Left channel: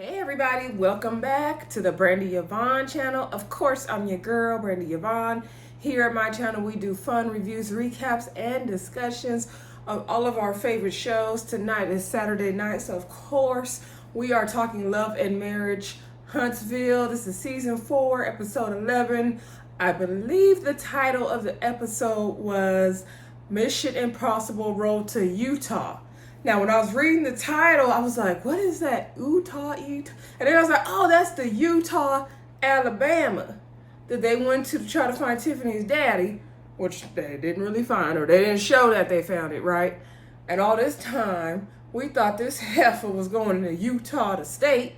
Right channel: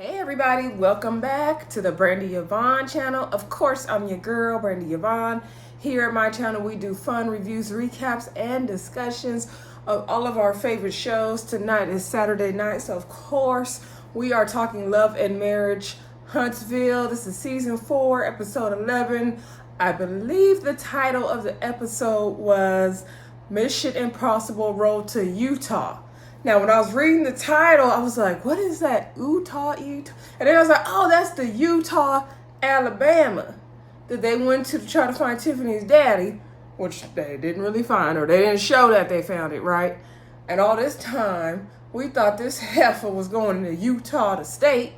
Hey everybody, welcome back to the Brandy Yvonne channel. Of course, I'm your girl, Brandy Yvonne. Here at my channel, we do fun reviews, recaps, and discussions of all of our favorite shows. Tonight is Saturday night, so of course, we are talking Love and Marriage Huntsville. This is season 4, episode 11. I believe the title of the episode was Mission Impossible Road to Eutaw. Now, when I was reading the title, I was like, what is that? Eutaw? And then I was like, oh, that's the Eutaw, Alabama that they went to try to find Tiffany's daddy, which they didn't really find, or they didn't show that they found it, right? And all this time, we thought this heifer was going to Eutaw, the state.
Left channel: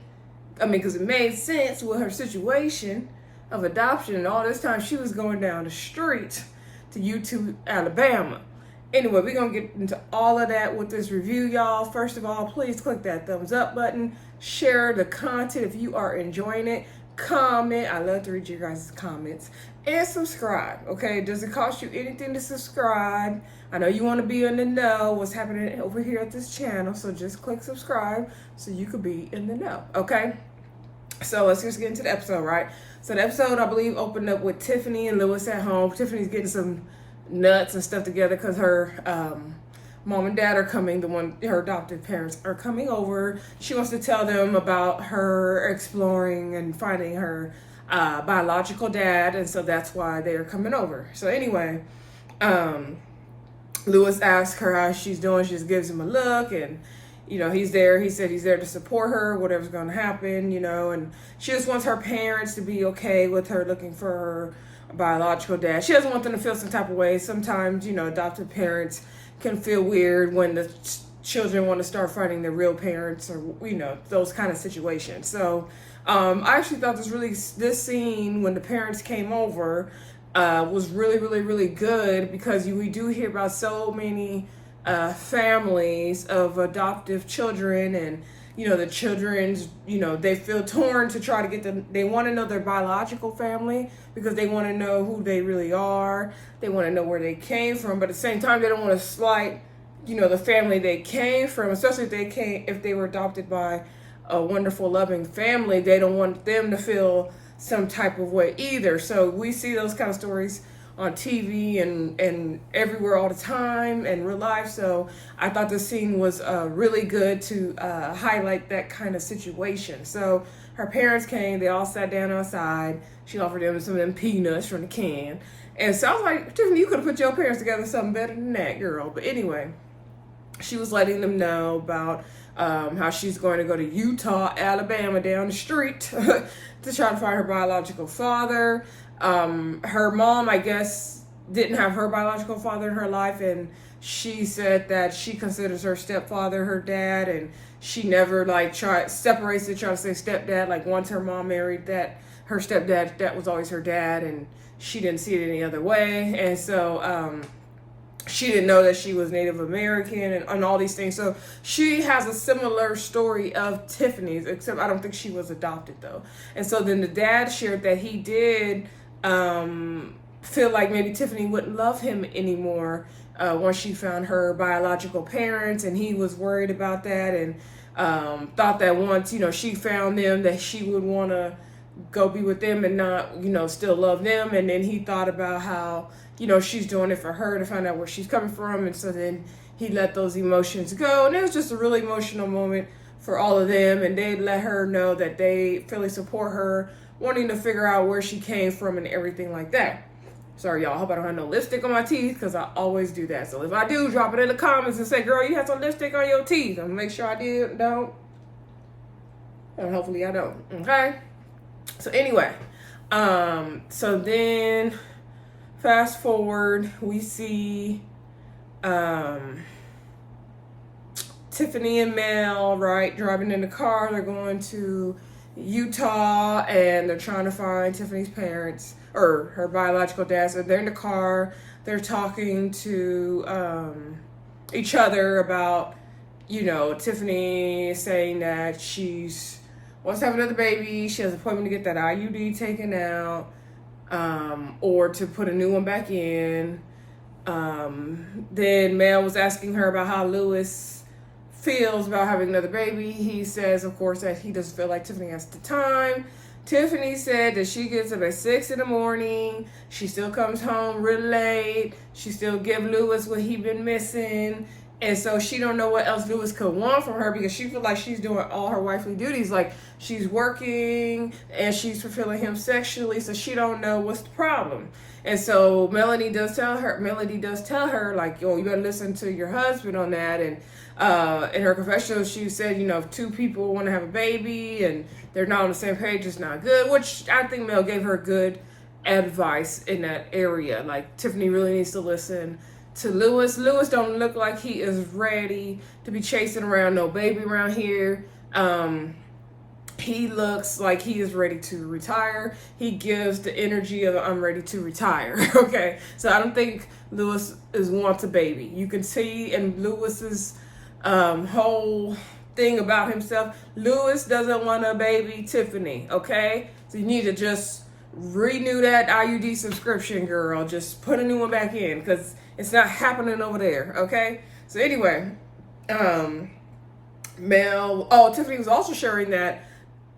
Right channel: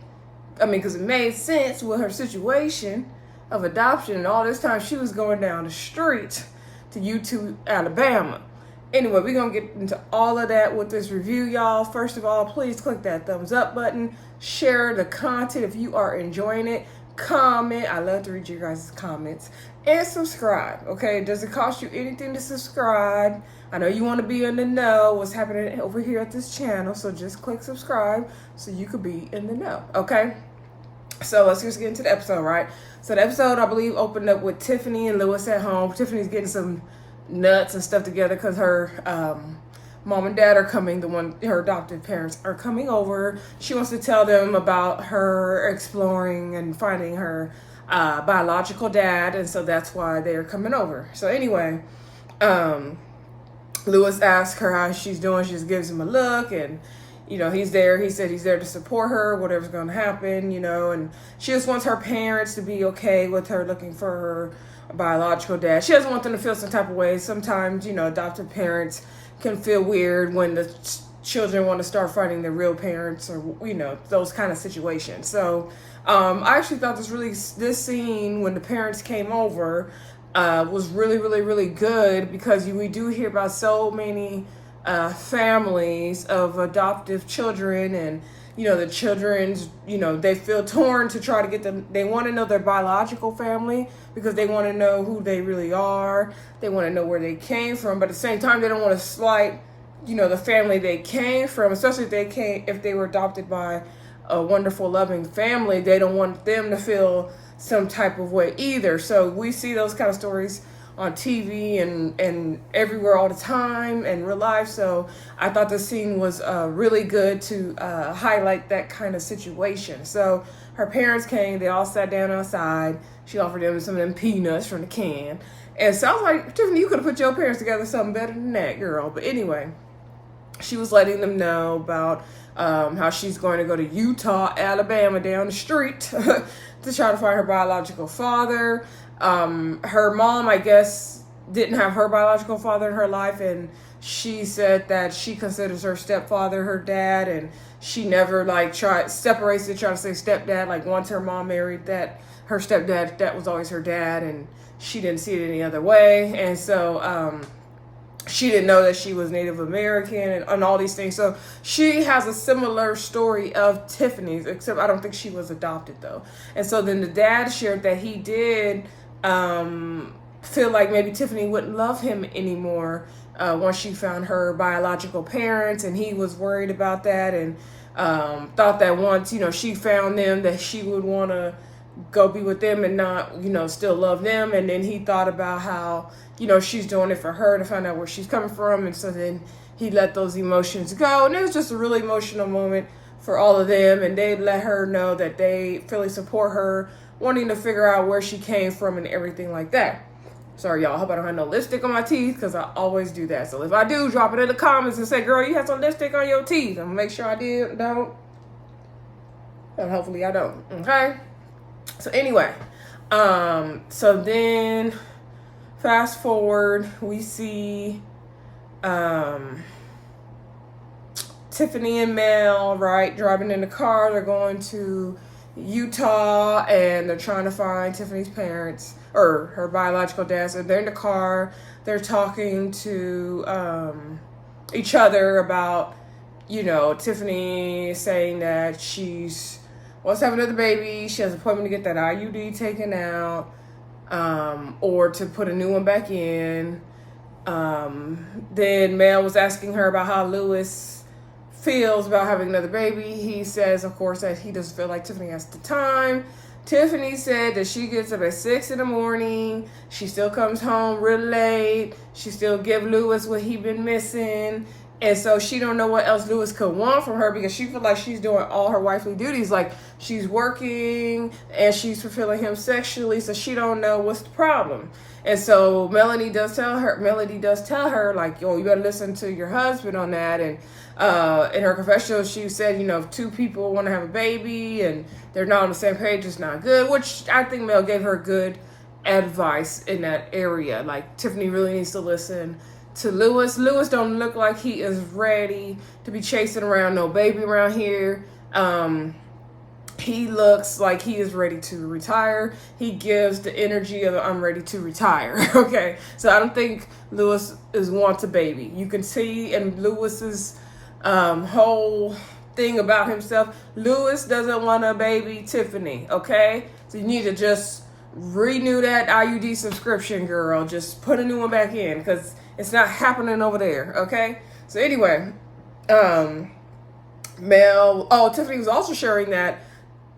I mean, because it made sense with her situation of adoption. And all this time, she was going down the street to Eutaw, Alabama. Anyway, we're going to get into all of that with this review, y'all. First of all, please click that thumbs up button. Share the content if you are enjoying it. Comment. I love to read your guys' comments. And subscribe, okay? Does it cost you anything to subscribe? I know you want to be in the know what's happening over here at this channel, so just click subscribe so you could be in the know, okay? So let's just get into the episode, right? So the episode, I believe, opened up with Tiffany and Lewis at home. Tiffany's getting some nuts and stuff together because her mom and dad are coming. Her adopted parents are coming over. She wants to tell them about her exploring and finding her biological dad, and so that's why they're coming over. So anyway, Lewis asks her how she's doing. She just gives him a look, and he's there. He said he's there to support her, whatever's going to happen, and she just wants her parents to be okay with her looking for her biological dad. She doesn't want them to feel some type of way. Sometimes, adopted parents can feel weird when the children want to start fighting their real parents, or those kind of situations. So I actually thought this scene when the parents came over was really, really, really good, because we do hear about so many families of adoptive children, and the children's, they feel torn to try to get them. They want to know their biological family because they want to know who they really are. They want to know where they came from, but at the same time, they don't want to slight, the family they came from, especially if they were adopted by a wonderful, loving family. They don't want them to feel some type of way either. So we see those kind of stories on TV and everywhere all the time in real life. So I thought the scene was really good to highlight that kind of situation. So her parents came, they all sat down outside. She offered them some of them peanuts from the can. And so I was like, Tiffany, you could have put your parents together something better than that, girl. But anyway, she was letting them know about how she's going to go to Eutaw, Alabama, down the street to try to find her biological father. Her mom, I guess, didn't have her biological father in her life, and she said that she considers her stepfather her dad, and she never separates it, try to say stepdad. Like, once her mom married her stepdad, that was always her dad, and she didn't see it any other way. And so she didn't know that she was Native American and all these things. So she has a similar story of Tiffany's, except I don't think she was adopted though. And so then the dad shared that he did feel like maybe Tiffany wouldn't love him anymore once she found her biological parents, and he was worried about that, and thought that once she found them, that she would want to go be with them and not still love them. And then he thought about how she's doing it for her, to find out where she's coming from, and so then he let those emotions go. And it was just a really emotional moment for all of them, and they let her know that they fully support her, wanting to figure out where she came from and everything like that. Sorry, y'all. I hope I don't have no lipstick on my teeth, because I always do that. So if I do, drop it in the comments and say, girl, you have some lipstick on your teeth. I'm going to make sure I don't. And hopefully I don't. Okay? So anyway, so then fast forward, we see Tiffany and Mel, right, driving in the car. They're going to Eutaw, and they're trying to find Tiffany's parents, or her biological dad. So they're in the car, they're talking to each other about, Tiffany saying that she's wants to have another baby. She has an appointment to get that IUD taken out, or to put a new one back in. Then Mel was asking her about how Lewis feels about having another baby. He says, of course, that he doesn't feel like Tiffany has the time. Tiffany said that she gets up at 6 in the morning. She still comes home real late. She still give Lewis what he been missing. And so she don't know what else Lewis could want from her, because she feel like she's doing all her wifely duties. Like, she's working and she's fulfilling him sexually, so she don't know what's the problem. And so Melody does tell her, like, yo, you better listen to your husband on that. And in her confessional, she said, you know, if two people want to have a baby and they're not on the same page, it's not good, which I think Mel gave her good advice in that area. Like, Tiffany really needs to listen to Lewis. Lewis don't look like he is ready to be chasing around no baby around here. He looks like he is ready to retire. He gives the energy of I'm ready to retire. Okay, so I don't think Lewis wants a baby. You can see in Lewis's whole thing about himself, Lewis doesn't want a baby Tiffany. Okay, so you need to just renew that IUD subscription, girl. Just put a new one back in, because it's not happening over there. Okay, so anyway, Tiffany was also sharing that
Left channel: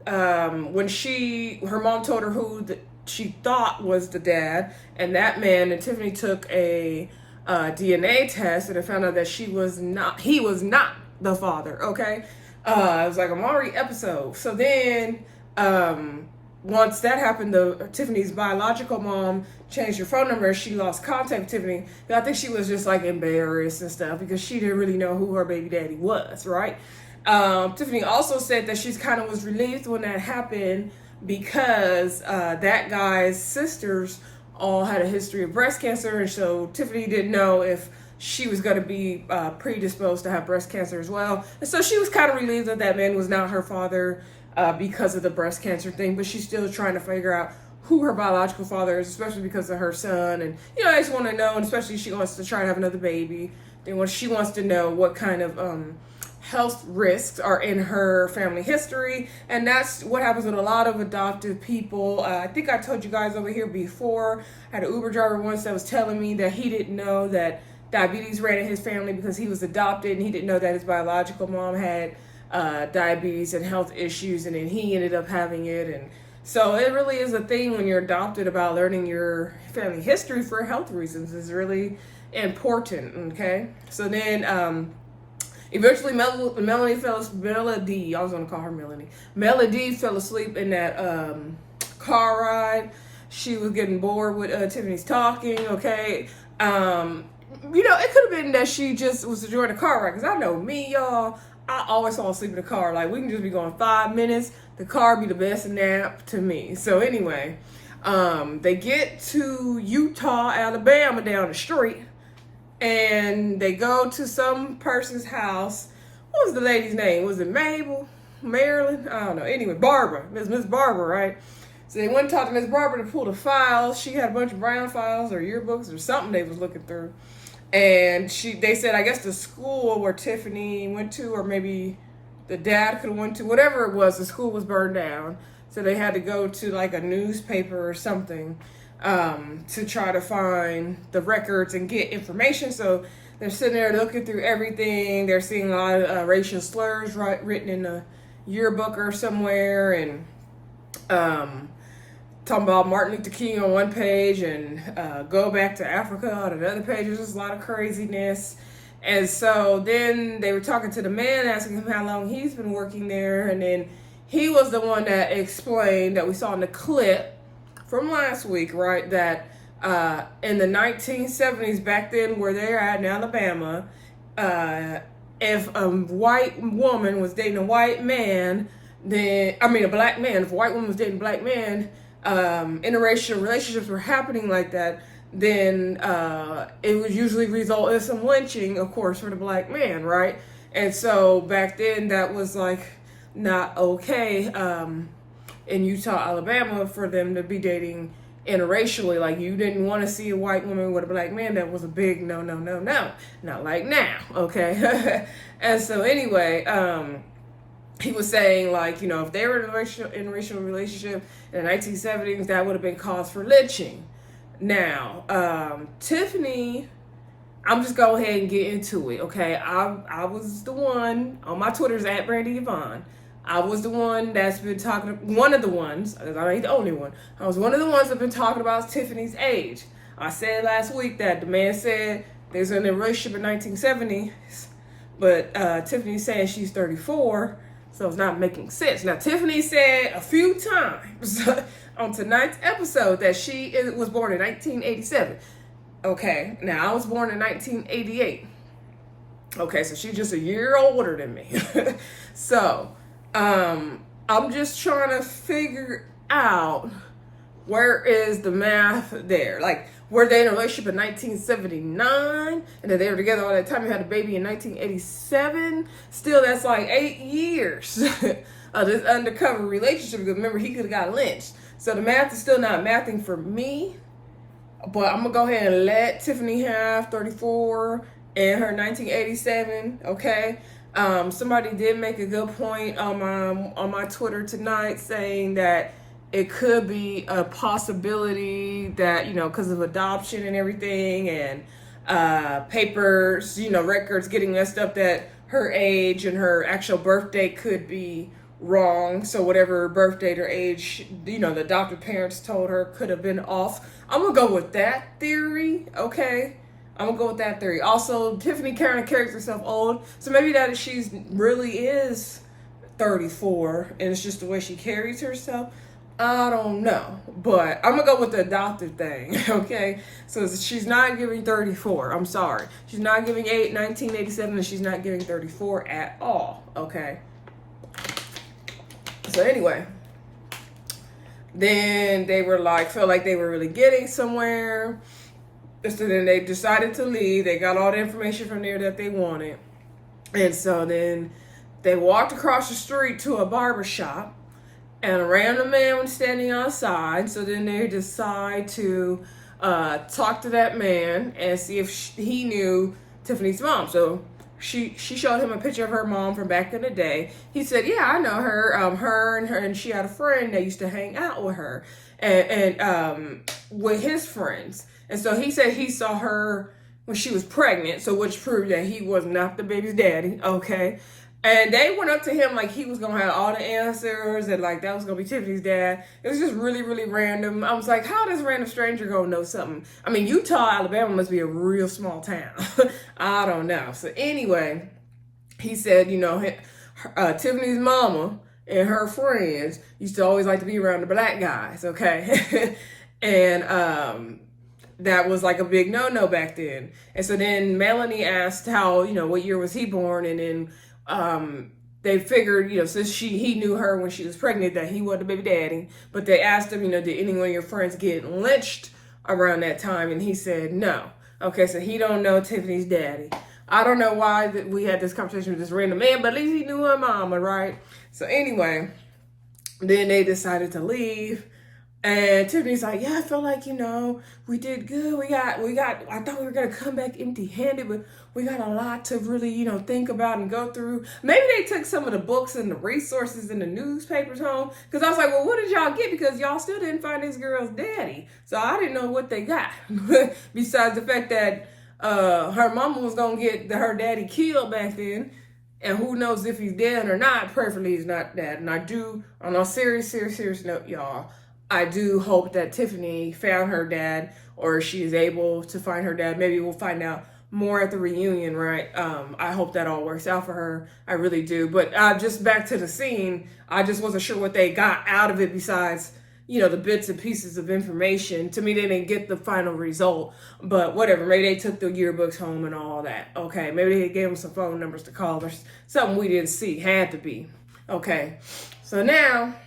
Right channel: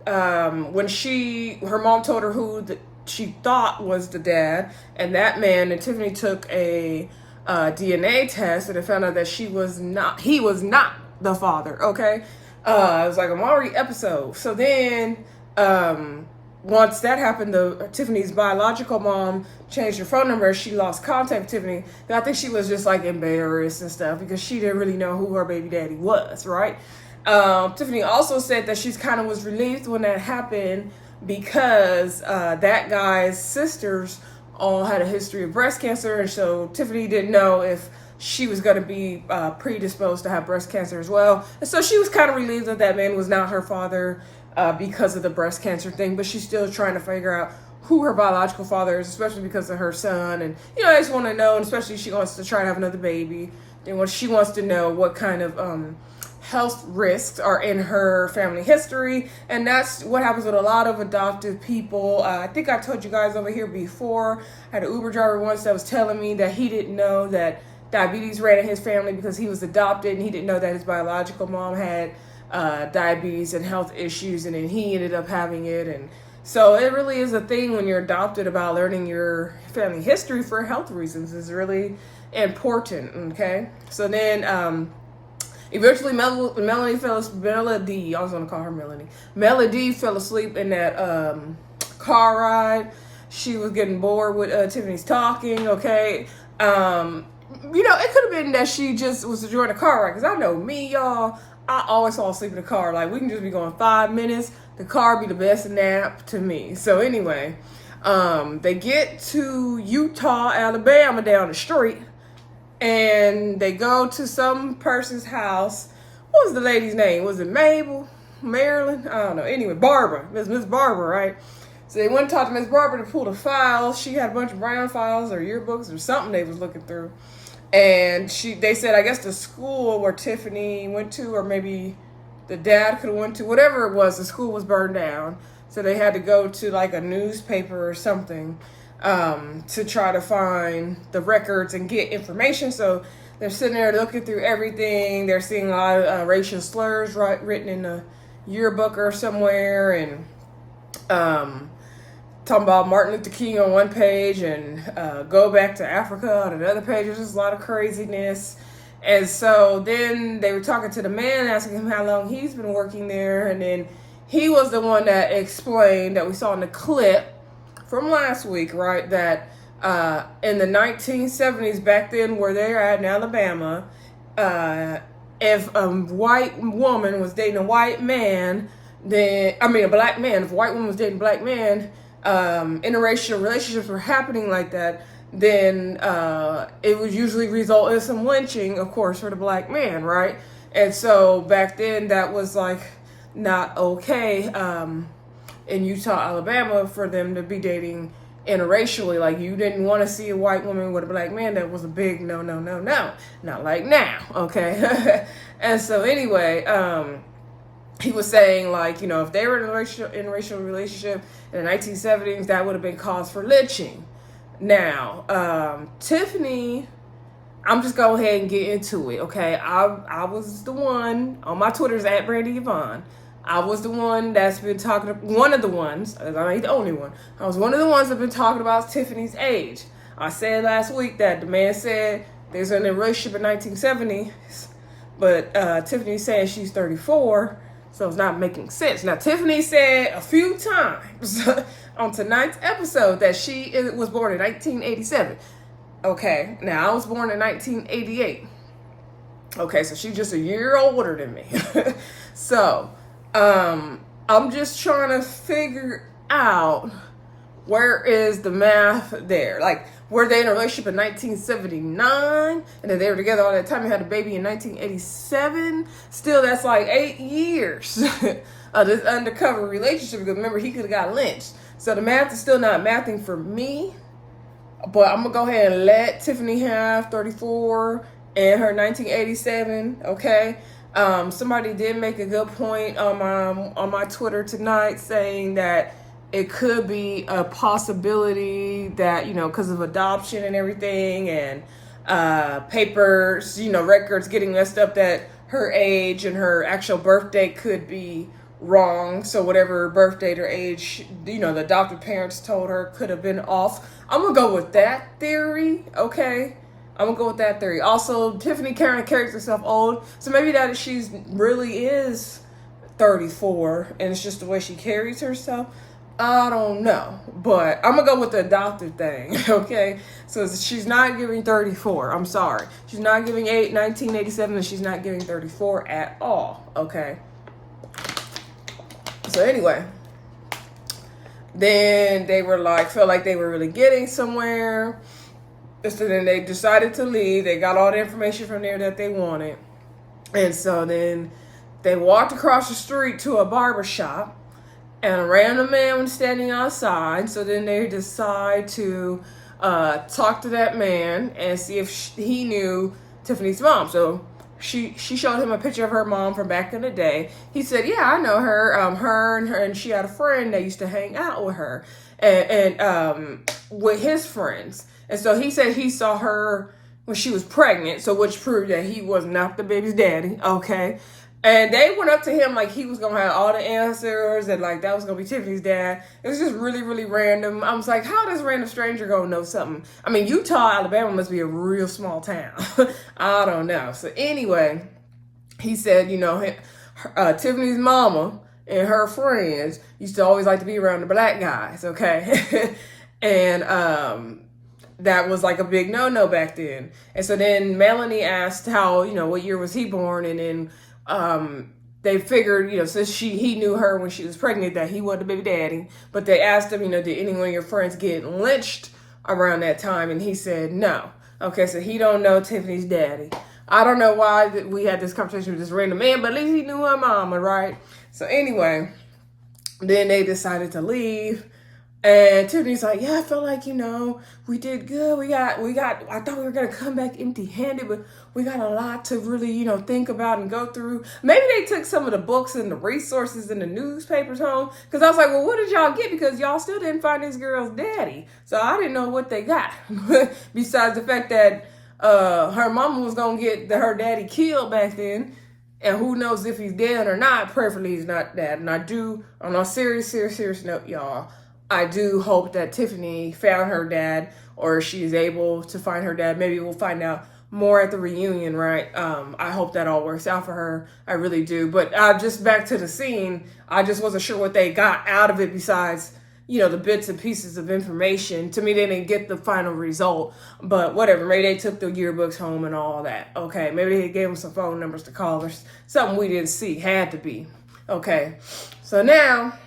when her mom told her who she thought was the dad, and that man, and Tiffany took a DNA test, and it found out that he was not the father. Okay, it was like a Maury episode. So then, once that happened, Tiffany's biological mom changed her phone number. She lost contact with Tiffany. I think she was just like embarrassed and stuff, because she didn't really know who her baby daddy was, right? Tiffany also said that she kind of was relieved when that happened, because that guy's sisters all had a history of breast cancer, and so Tiffany didn't know if she was going to be predisposed to have breast cancer as well. And so she was kind of relieved that that man was not her father because of the breast cancer thing, but she's still trying to figure out who her biological father is, especially because of her son. And, you know, I just want to know, and especially she wants to try to have another baby. Then she wants to know what kind of health risks are in her family history. And that's what happens with a lot of adoptive people. I think I told you guys over here before, I had an Uber driver once that was telling me that he didn't know that diabetes ran in his family because he was adopted, and he didn't know that his biological mom had diabetes and health issues, and then he ended up having it. And so it really is a thing when you're adopted about learning your family history for health reasons. Is really important. Okay, so then eventually Melody fell asleep in that car ride. She was getting bored with Tiffany's talking. Okay, you know, it could have been that she just was enjoying the car ride, because I know me, y'all, I always fall asleep in the car. Like, we can just be going 5 minutes, the car be the best nap to me. So anyway, they get to Eutaw, Alabama, down the street, and they go to some person's house. What was the lady's name? Was it Mabel? Marilyn? I don't know. Anyway, Barbara. Miss Barbara, right? So they went and talked to Miss Barbara to pull the files. She had a bunch of brown files or yearbooks or something they was looking through. And they said, I guess the school where Tiffany went to, or maybe the dad could have went to, whatever it was, the school was burned down. So they had to go to like a newspaper or something to try to find the records and get information. So they're sitting there looking through everything. They're seeing a lot of racial slurs written in a yearbook or somewhere, and talking about Martin Luther King on one page and go back to Africa on another page. There's just a lot of craziness. And so then they were talking to the man, asking him how long he's been working there. And then he was the one that explained, that we saw in the clip from last week, right, that in the 1970s, back then where they're at in Alabama, if a white woman was dating a white man, a black man, if a white woman was dating a black man, interracial relationships were happening like that, then it would usually result in some lynching, of course, for the black man, right? And so back then that was like not okay in Eutaw, Alabama, for them to be dating interracially. Like, you didn't want to see a white woman with a black man. That was a big no. Not like now, okay? And so anyway, he was saying, like, you know, if they were in a interracial relationship in the 1970s, that would have been cause for lynching. Now, Tiffany I'm just go ahead and get into it, okay? I was the one on my Twitter's at Brandy Yvonne. I was the one that's been talking, one of the ones, I ain't the only one. I was one of the ones that been talking about Tiffany's age. I said last week that the man said they was in a relationship in 1970s, but Tiffany's saying she's 34, so it's not making sense. Now, Tiffany said a few times on tonight's episode that she was born in 1987. Okay, now I was born in 1988. Okay, so she's just a year older than me. So, I'm just trying to figure out where is the math there. Like, were they in a relationship in 1979? And then they were together all that time and had a baby in 1987? Still, that's like 8 years of this undercover relationship. Because remember, he could have got lynched. So the math is still not mathing for me. But I'm going to go ahead and let Tiffany have 34 and her 1987, okay? Somebody did make a good point on my Twitter tonight saying that it could be a possibility that, you know, because of adoption and everything and papers, you know, records getting messed up, that her age and her actual birth date could be wrong. So whatever birth date or age, you know, the adopted parents told her could have been off. I'm going to go with that theory, okay? I'm going to go with that theory. Also, Tiffany kind of carries herself old, so maybe that she's really is 34, and it's just the way she carries herself. I don't know, but I'm going to go with the adopted thing, okay? So she's not giving 34. I'm sorry. She's not giving 1987, and she's not giving 34 at all, okay? So anyway, then they were like, felt like they were really getting somewhere. So then they decided to leave. They got all the information from there that they wanted. And so then they walked across the street to a barber shop, and a random man was standing outside. So then they decide to talk to that man and see if he knew Tiffany's mom. So she showed him a picture of her mom from back in the day. He said, yeah, I know her. Her and she had a friend that used to hang out with her and with his friends. And so he said he saw her when she was pregnant, so which proved that he was not the baby's daddy, okay? And they went up to him like he was going to have all the answers and like that was going to be Tiffany's dad. It was just really, really random. I was like, how does a random stranger going to know something? I mean, Eutaw, Alabama must be a real small town. I don't know. So anyway, he said, you know, Tiffany's mama and her friends used to always like to be around the black guys, okay? And that was like a big no-no back then. And so then Melanie asked how, you know, what year was he born? And then they figured, you know, since he knew her when she was pregnant, that he wasn't the baby daddy. But they asked him, you know, did anyone of your friends get lynched around that time? And he said no. Okay, so he don't know Tiffany's daddy. I don't know why we had this conversation with this random man, but at least he knew her mama, right? So anyway, then they decided to leave. And Tiffany's like, yeah, I feel like, you know, we did good. I thought we were going to come back empty-handed, but we got a lot to really, you know, think about and go through. Maybe they took some of the books and the resources and the newspapers home. Because I was like, well, what did y'all get? Because y'all still didn't find this girl's daddy. So I didn't know what they got. Besides the fact that her mama was going to get her daddy killed back then. And who knows if he's dead or not. Preferably he's not dead. And I do, on a serious note, y'all, I do hope that Tiffany found her dad, or she is able to find her dad. Maybe we'll find out more at the reunion, right? I hope that all works out for her. I really do. But just back to the scene, I just wasn't sure what they got out of it besides, you know, the bits and pieces of information. To me, they didn't get the final result. But whatever, maybe they took the yearbooks home and all that. Okay, maybe they gave them some phone numbers to call or something we didn't see. Had to be. Okay, so now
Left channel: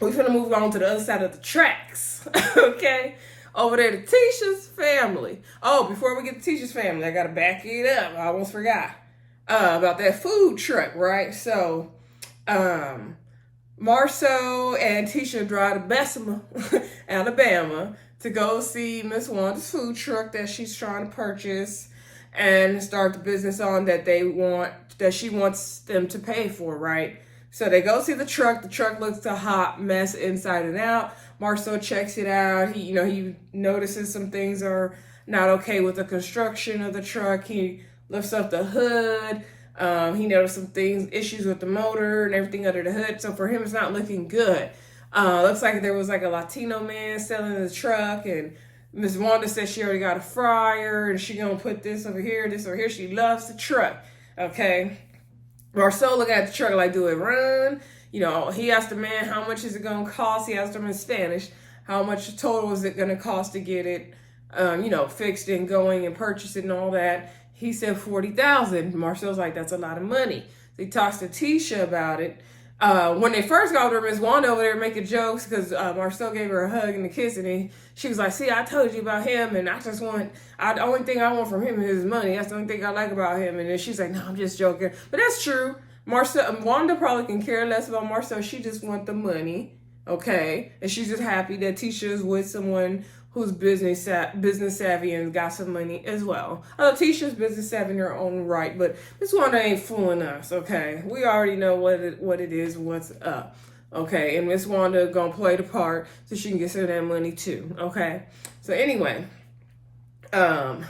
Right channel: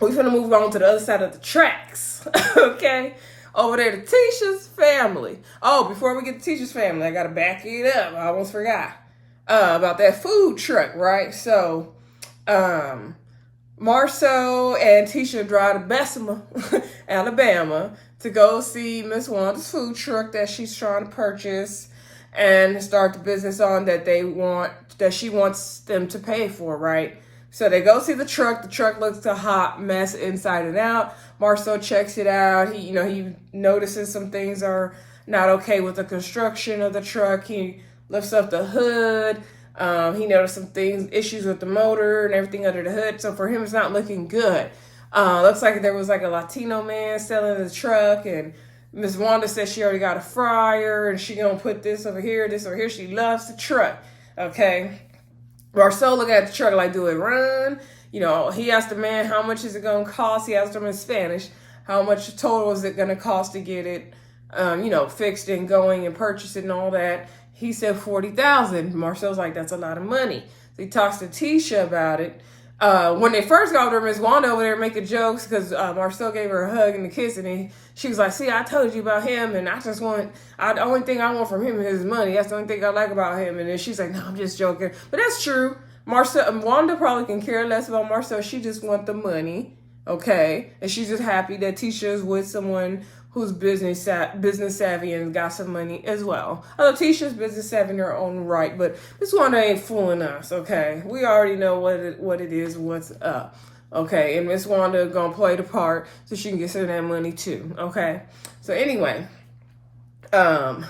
we're going to move on to the other side of the tracks, okay? Over there to Tisha's family. Oh, before we get to Tisha's family, I got to back it up. I almost forgot about that food truck, right? So, Marcel and Tisha drive to Bessemer, Alabama, to go see Miss Wanda's food truck that she's trying to purchase and start the business on that she wants them to pay for, right? So they go see the truck. The truck looks a hot mess inside and out. Marcel checks it out. He notices some things are not okay with the construction of the truck. He lifts up the hood. He noticed some issues with the motor and everything under the hood. So for him, it's not looking good. Looks like there was like a Latino man selling the truck, and Miss Wanda said she already got a fryer and she gonna put this over here, this over here. She loves the truck. Okay. Marcel look at the truck like, do it run? You know, he asked the man, how much is it going to cost? He asked him in Spanish, how much total is it going to cost to get it, you know, fixed and going and purchased and all that. He said $40,000. Marcel's like, that's a lot of money. So he talks to Tisha about it. When they first got over, Miss Wanda over there making jokes because Marcel gave her a hug and a kiss, and she was like, see, I told you about him, and the only thing I want from him is his money. That's the only thing I like about him. And then she's like, no, I'm just joking. But that's true. Wanda probably can care less about Marcel. She just wants the money, okay? And she's just happy that Tisha is with someone who's business savvy and got some money as well. Although Tisha's business savvy in her own right, but Miss Wanda ain't fooling us, okay? We already know what it is, what's up, okay? And Miss Wanda gonna play the part so she can get some of that money too, okay? So anyway, so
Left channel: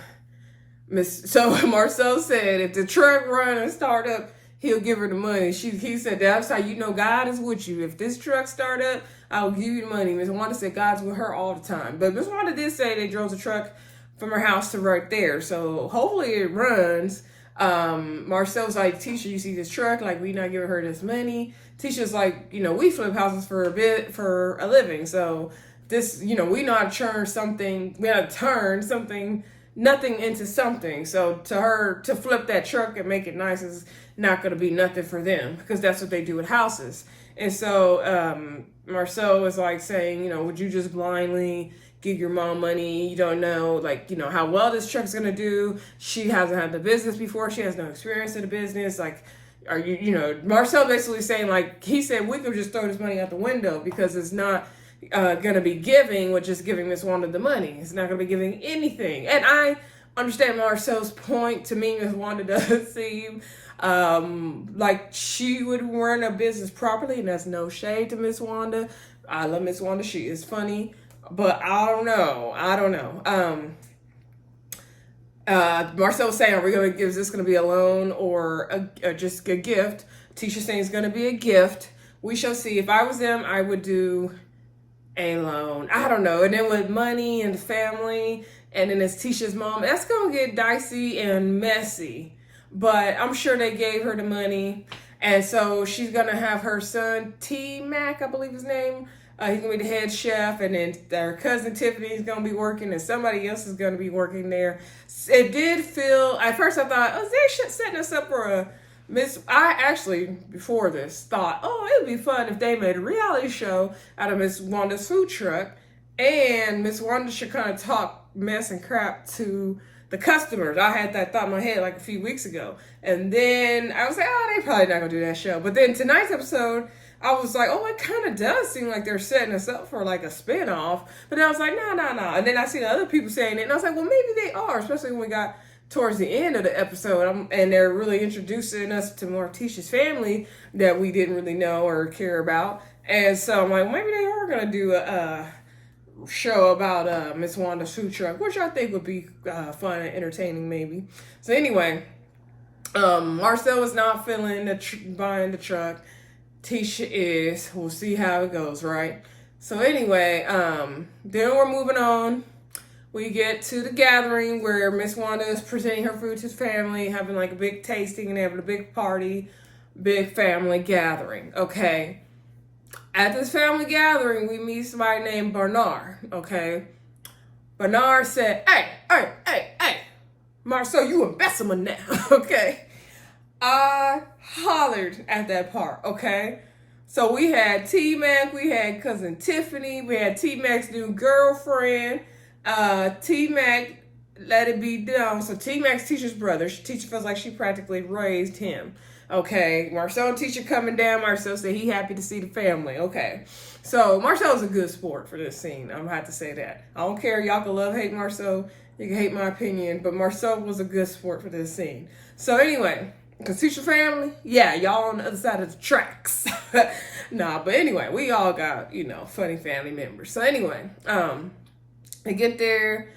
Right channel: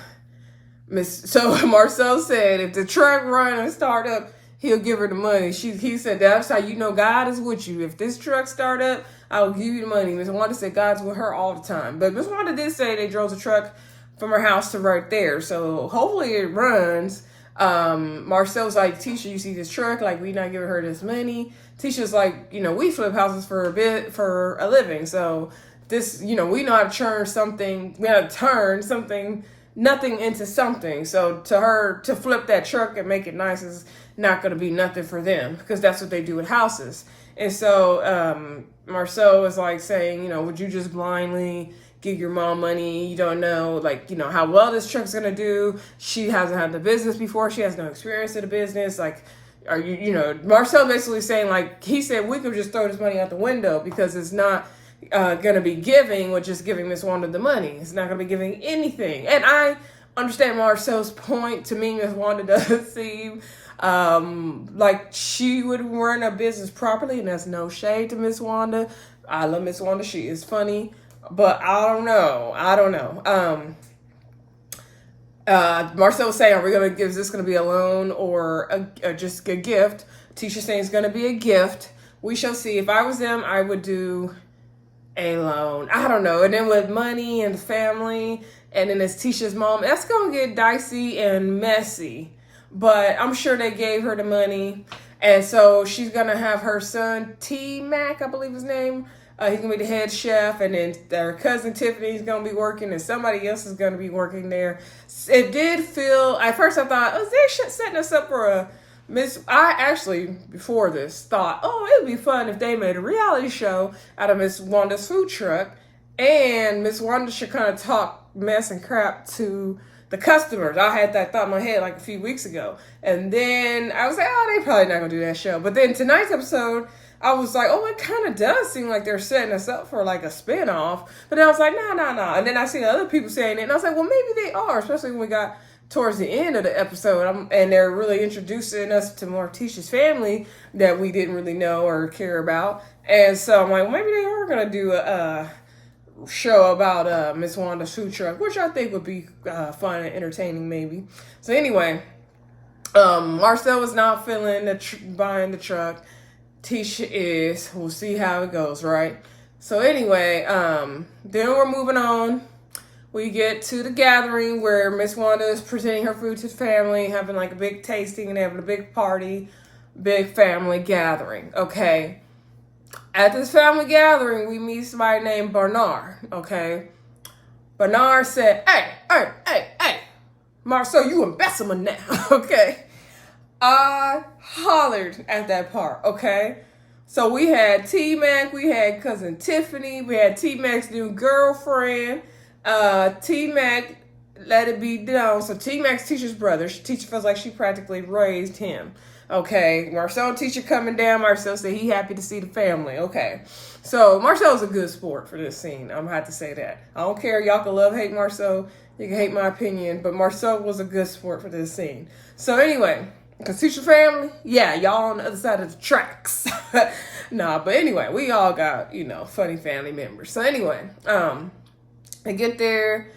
Marcel said if the truck run and start up, he'll give her the money. He said, that's how you know God is with you. If this truck start up, I'll give you the money. Miss Wanda said God's with her all the time. But Miss Wanda did say they drove the truck from her house to right there. So hopefully it runs. Marcel's like, Tisha, you see this truck? Like, we not giving her this money. Tisha's like, you know, we flip houses for a living. So this, you know, we know how to turn something. We have to turn nothing into something. So to her, to flip that truck and make it nice is not going to be nothing for them, because that's what they do with houses. And so Marcel was like saying, you know, would you just blindly give your mom money? You don't know, like, you know, how well this truck's going to do. She hasn't had the business before. She has no experience in the business. Like, are you, you know, Marcel basically saying, like, he said we could just throw this money out the window because it's not going to be giving, which is giving Miss Wanda the money. It's not going to be giving anything. And I understand Marcel's point. To me, Miss Wanda does seem like she would run a business properly, and that's no shade to Miss Wanda. I love Miss Wanda. She is funny, but I don't know. Marcel was saying, is this going to be a loan or just a gift? Tisha saying it's going to be a gift. We shall see. If I was them, I would do a loan. I don't know. And then with money and family, and then it's Tisha's mom, that's going to get dicey and messy. But I'm sure they gave her the money. And so she's going to have her son, Tmacs, I believe his name. He's going to be the head chef. And then her cousin Tiffany is going to be working. And somebody else is going to be working there. It did feel, at first I thought, oh, they're setting us up for a I actually, before this, thought, oh, it would be fun if they made a reality show out of Miss Wanda's food truck. And Miss Wanda should kind of talk mess and crap to the customers. I had that thought in my head like a few weeks ago. And then I was like, oh, they probably not going to do that show. But then tonight's episode, I was like, oh, it kind of does seem like they're setting us up for like a spinoff. But then I was like, no. And then I see the other people saying it. And I was like, well, maybe they are, especially when we got towards the end of the episode. And they're really introducing us to more of Tisha's family that we didn't really know or care about. And so I'm like, well, maybe they are going to do a show about Miss Wanda's food truck, which I think would be fun and entertaining maybe. So anyway, Marcel was not feeling buying the truck. Tisha is. We'll see how it goes, right? So anyway, then we're moving on. We get to the gathering where Miss Wanda is presenting her food to his family, having like a big tasting and having a big party, big family gathering, okay? At this family gathering, we meet somebody named Bernard, okay? Bernard said, hey, Marcel, you embezzlement now, okay? I hollered at that part, okay? So we had Tmacs, we had cousin Tiffany, we had Tmacs New Girlfriend, Tmacs Let It Be Known. So Tmacs Tisha's brother. Tisha feels like she practically raised him. Okay, Marcel and Tisha coming down. Marcel said he happy to see the family. Okay, so Marcel's a good sport for this scene. I'm gonna have to say that. I don't care. Y'all can love, hate Marcel. You can hate my opinion, but Marcel was a good sport for this scene. So anyway, because Tisha family, yeah, y'all on the other side of the tracks. Nah, but anyway, we all got, you know, funny family members. So anyway, they get there.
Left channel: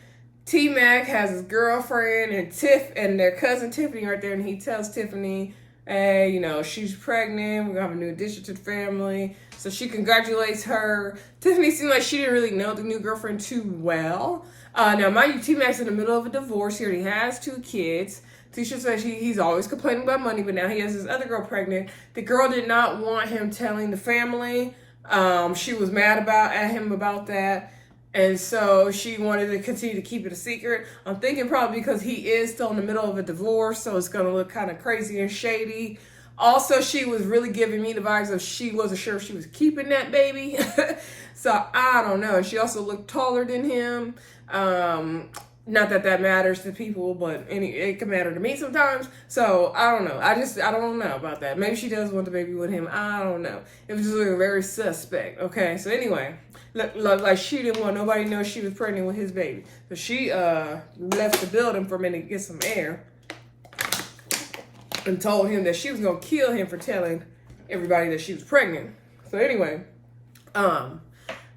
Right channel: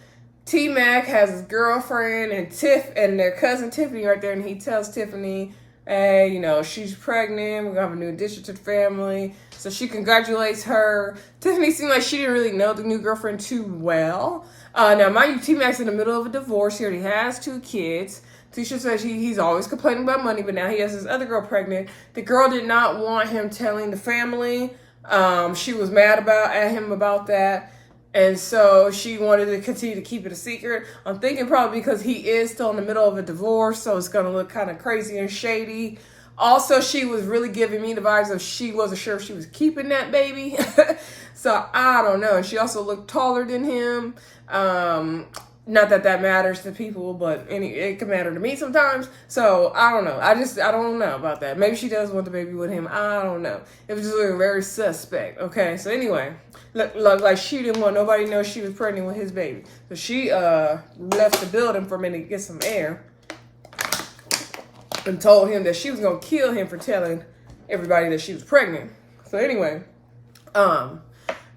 Tmac has his girlfriend and their cousin Tiffany right there, and he tells Tiffany, hey, you know, she's pregnant. We're gonna have a new addition to the family. So she congratulates her. Tiffany seemed like she didn't really know the new girlfriend too well. Now, mind you, T-Mac's in the middle of a divorce. He already has 2 kids. Tisha says he's always complaining about money, but now he has this other girl pregnant. The girl did not want him telling the family. She was mad at him about that. And so she wanted to continue to keep it a secret. I'm thinking probably because he is still in the middle of a divorce, so it's going to look kind of crazy and shady. Also, she was really giving me the vibes of she wasn't sure if she was keeping that baby. So I don't know. And she also looked taller than him. Not that that matters to people, but it can matter to me sometimes. So I don't know. I don't know about that. Maybe she does want the baby with him. I don't know. It was just looking very suspect. Okay, so anyway. Like she didn't want nobody to know she was pregnant with his baby. So she left the building for a minute to get some air and told him that she was going to kill him for telling everybody that she was pregnant. So anyway,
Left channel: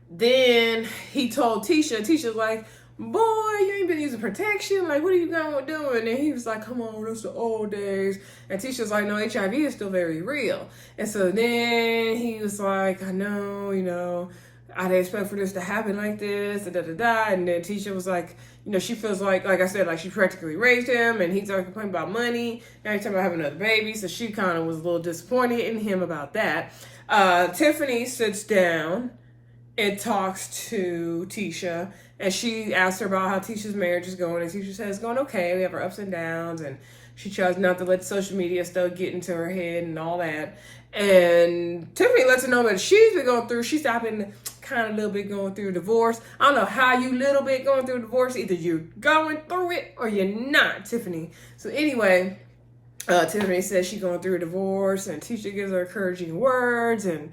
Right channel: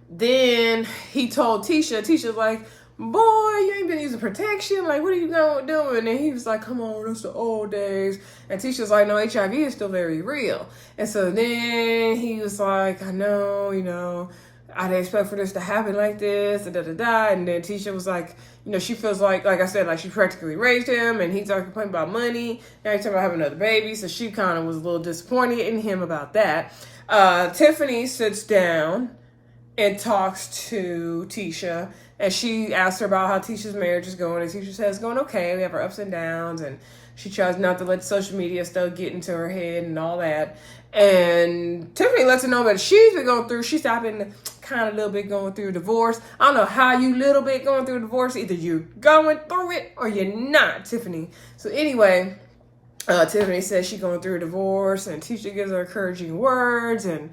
then he told Tisha. Tisha's like, boy, you ain't been using protection. Like, what are you doing? And he was like, come on, that's the old days. And Tisha's like, no, HIV is still very real. And so then he was like, I know, you know, I didn't expect for this to happen like this, and And then Tisha was like, you know, she feels like I said, like she practically raised him, and he started complaining about money. Now he's talking about having another baby, so she kind of was a little disappointed in him about that. Tiffany sits down and talks to Tisha, and she asks her about how Tisha's marriage is going, and Tisha says it's going okay. We have our ups and downs, and she tries not to let social media stuff get into her head and all that. And Tiffany lets her know that she's been going through, she's been kind of a little bit going through a divorce. I don't know how you little bit going through a divorce. Either you're going through it or you're not, Tiffany. So anyway, Tiffany says she's going through a divorce, and Tisha gives her encouraging words and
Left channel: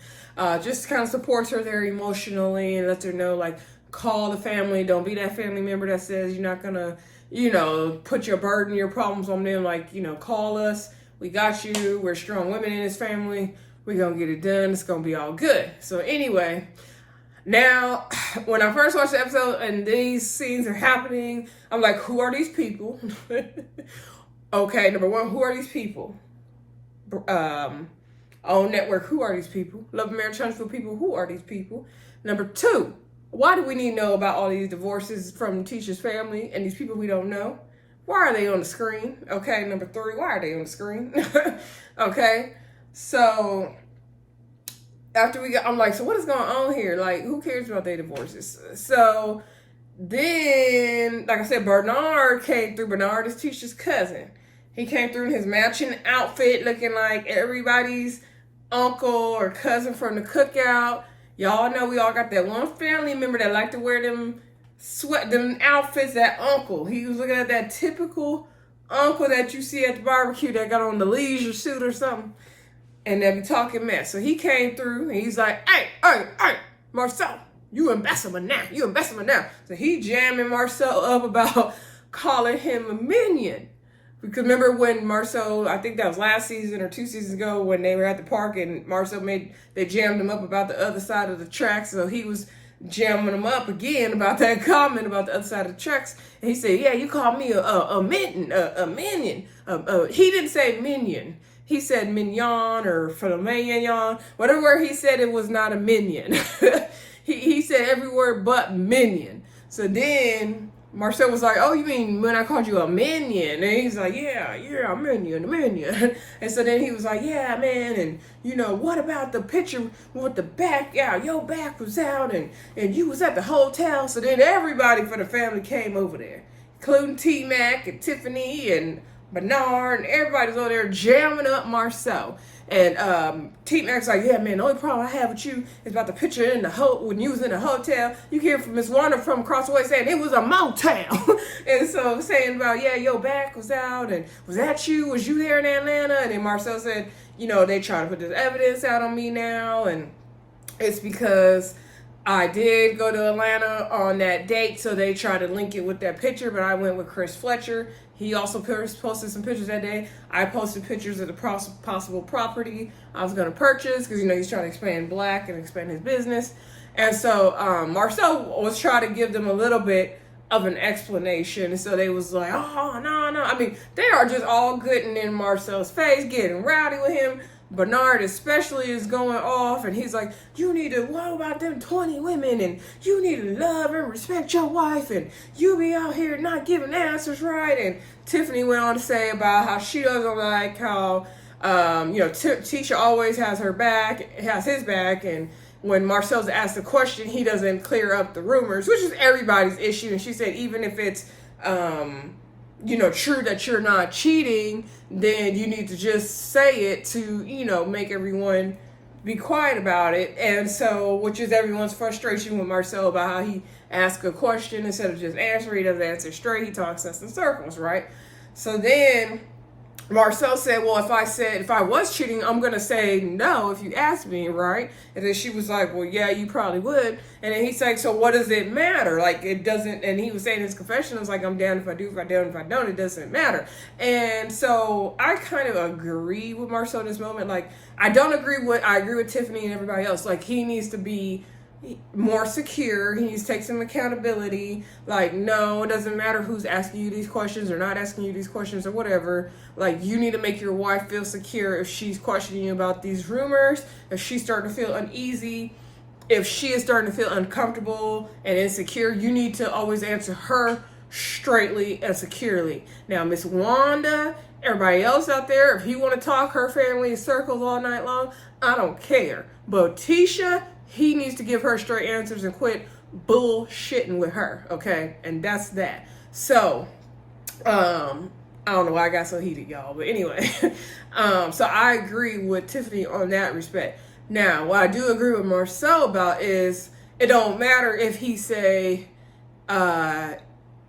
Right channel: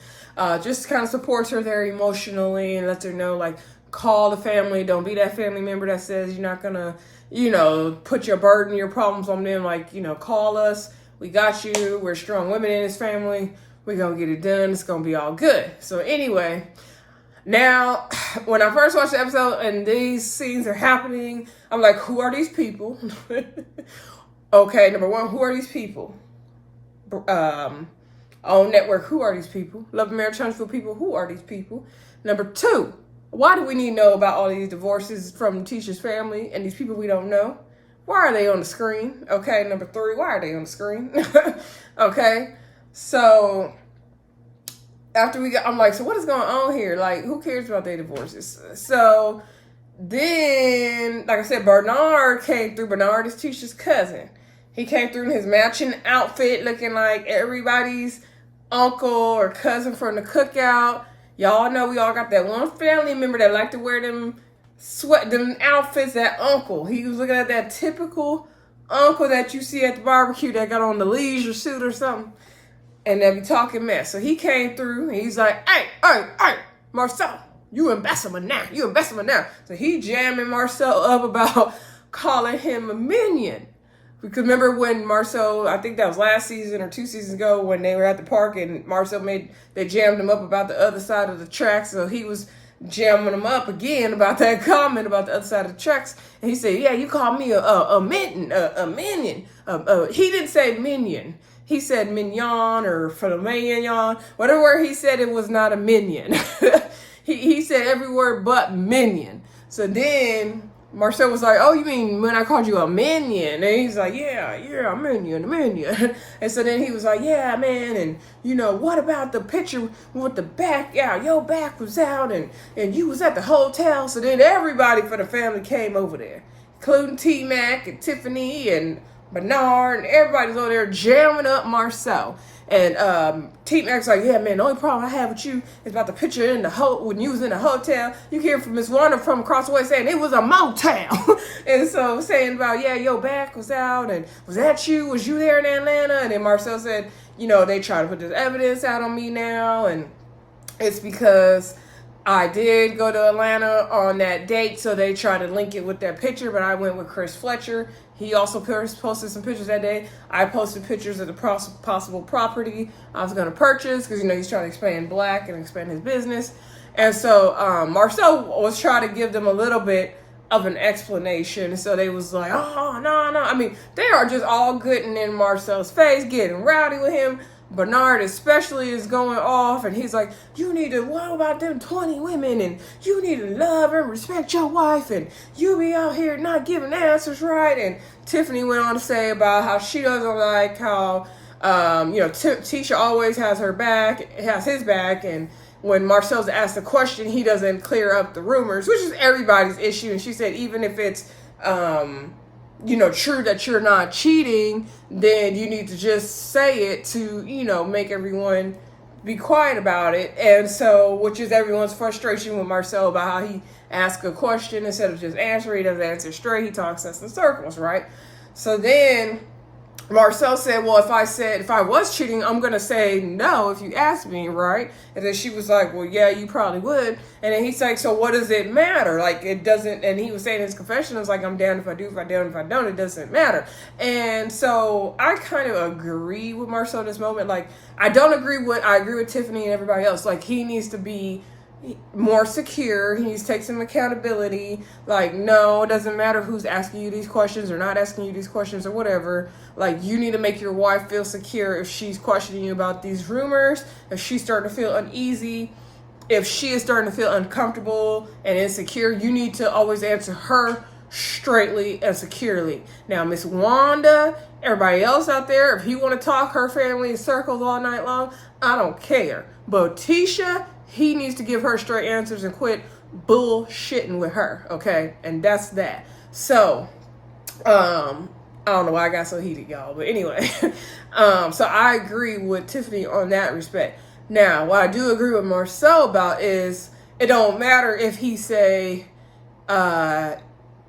just kind of supports her there emotionally and lets her know, like, call the family. Don't be that family member that says you're not going to, you know, put your burden, your problems on them. Like, you know, call us. We got you. We're strong women in this family. We're going to get it done. It's going to be all good. So anyway, now, when I first watched the episode and these scenes are happening, I'm like, who are these people? Okay, number one, who are these people? On network, who are these people? Love and Marriage Huntsville people, who are these people? Number two, why do we need to know about all these divorces from Tisha's family and these people we don't know? Why are they on the screen? Okay, number three, why are they on the screen? Okay, so after I'm like, so what is going on here? Like, who cares about their divorces? So then, like I said, Bernard came through. Bernard is Tisha's cousin. He came through in his matching outfit, looking like everybody's uncle or cousin from the cookout. Y'all know we all got that one family member that like to wear them outfits, that uncle. He was looking at that typical uncle that you see at the barbecue that got on the leisure suit or something, and they be talking mess. So he came through, and he's like, hey, Marcel, you embezzlement now. So he jamming Marcel up about calling him a minion. Because remember when Marcel, I think that was last season or 2 seasons ago, when they were at the park and Marcel they jammed him up about the other side of the tracks. So he was jamming him up again about that comment about the other side of the tracks. And he said, yeah, you called me a minion. He didn't say minion. He said mignon or filet, whatever word he said, it was not a minion. he said every word but minion. So then Marcel was like, oh, you mean when I called you a minion? And he's like, yeah, a minion. And so then he was like, yeah, man, and you know, what about the picture with the back out? Your back was out and you was at the hotel. So then everybody for the family came over there, including T-Mac and Tiffany and Bernard, and everybody's over there jamming up Marcel. And T-Mac's like, yeah, man, the only problem I have with you is about the picture in the when you was in the hotel. You hear from Miss Wanda from across the way saying it was a motel. And so saying about, yeah, your back was out, and was that you? Was you there in Atlanta? And then Marcel said, you know, they try to put this evidence out on me now, and it's because I did go to Atlanta on that date, so they try to link it with that picture, but I went with Chris Fletcher. He also posted some pictures that day. I posted pictures of the possible property I was going to purchase because, you know, he's trying to expand black and expand his business. And so Marcel was trying to give them a little bit of an explanation. And so they was like, oh, no, no. I mean, they are just all getting in Marcel's face, getting rowdy with him. Bernard especially is going off, and he's like, you need to, what about them 20 women, and you need to love and respect your wife, and you be out here not giving answers right. And Tiffany went on to say about how she doesn't like how, Tisha always has his back, and when Marcel's asked a question, he doesn't clear up the rumors, which is everybody's issue. And she said, even if it's, true that you're not cheating, then you need to just say it to, make everyone be quiet about it. And so, which is everyone's frustration with Marcel about how he asks a question instead of just answering. He doesn't answer straight. He talks us in circles, right? So then Marcel said, well, if I was cheating, I'm going to say no if you ask me, right? And then she was like, well, yeah, you probably would. And then he's like, so what does it matter? Like, it doesn't, and he was saying in his confession, I was like, I'm down if I do, if I don't, if I don't, it doesn't matter. And so I kind of agree with Marcel in this moment. Like, I agree with Tiffany and everybody else. Like, he needs to be more secure. He needs to take some accountability. Like, no, it doesn't matter who's asking you these questions or not asking you these questions or whatever. Like, you need to make your wife feel secure if she's questioning you about these rumors, if she's starting to feel uneasy, if she is starting to feel uncomfortable and insecure. You need to always answer her straightly and securely. Now, Miss Wanda, everybody else out there, if you want to talk her family in circles all night long, I don't care. But Tisha, he needs to give her straight answers and quit bullshitting with her, okay? And that's that. So, I don't know why I got so heated, y'all. But anyway, so I agree with Tiffany on that respect. Now, what I do agree with Marcel about is it don't matter if he say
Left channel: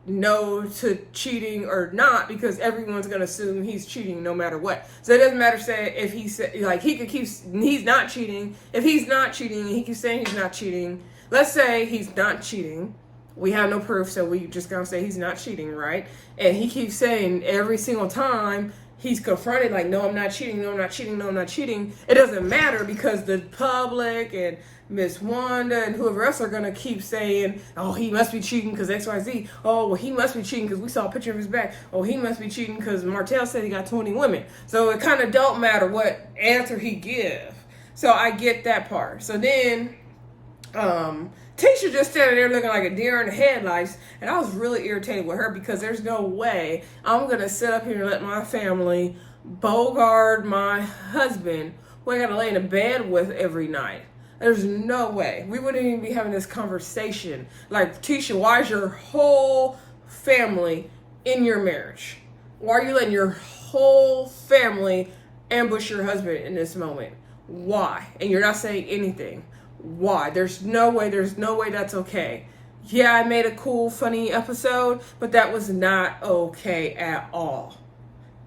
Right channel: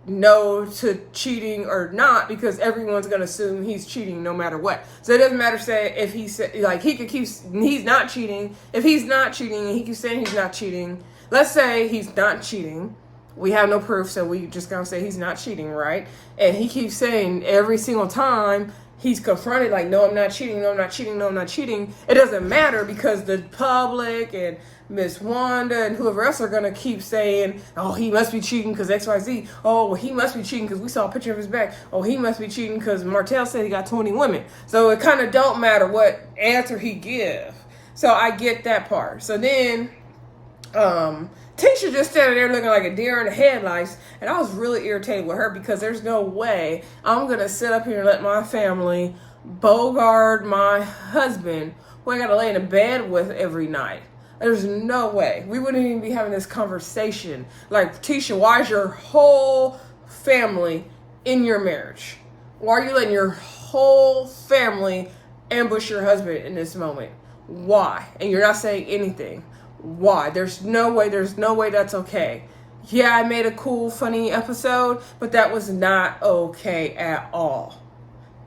no to cheating or not, because everyone's going to assume he's cheating no matter what. So it doesn't matter, say, if he said, like, he could keep, he's not cheating. If he's not cheating, he keeps saying he's not cheating. Let's say he's not cheating. We have no proof, so we just gonna say he's not cheating, right? And he keeps saying every single time he's confronted, like, no, I'm not cheating, no, I'm not cheating, no, I'm not cheating. It doesn't matter, because the public and Miss Wanda and whoever else are gonna keep saying, oh, he must be cheating because XYZ. Oh, well, he must be cheating because we saw a picture of his back. Oh, he must be cheating because Martel said he got 20 women. So it kind of don't matter what answer he give. So I get that part. So then, Tisha just standing there looking like a deer in the headlights, and I was really irritated with her, because there's no way I'm gonna sit up here and let my family bogart my husband, who I gotta lay in a bed with every night. There's no way. We wouldn't even be having this conversation. Like, Tisha, why is your whole family in your marriage? Why are you letting your whole family ambush your husband in this moment? Why? And you're not saying anything. Why? There's no way that's okay. Yeah, I made a cool, funny episode, but that was not okay at all.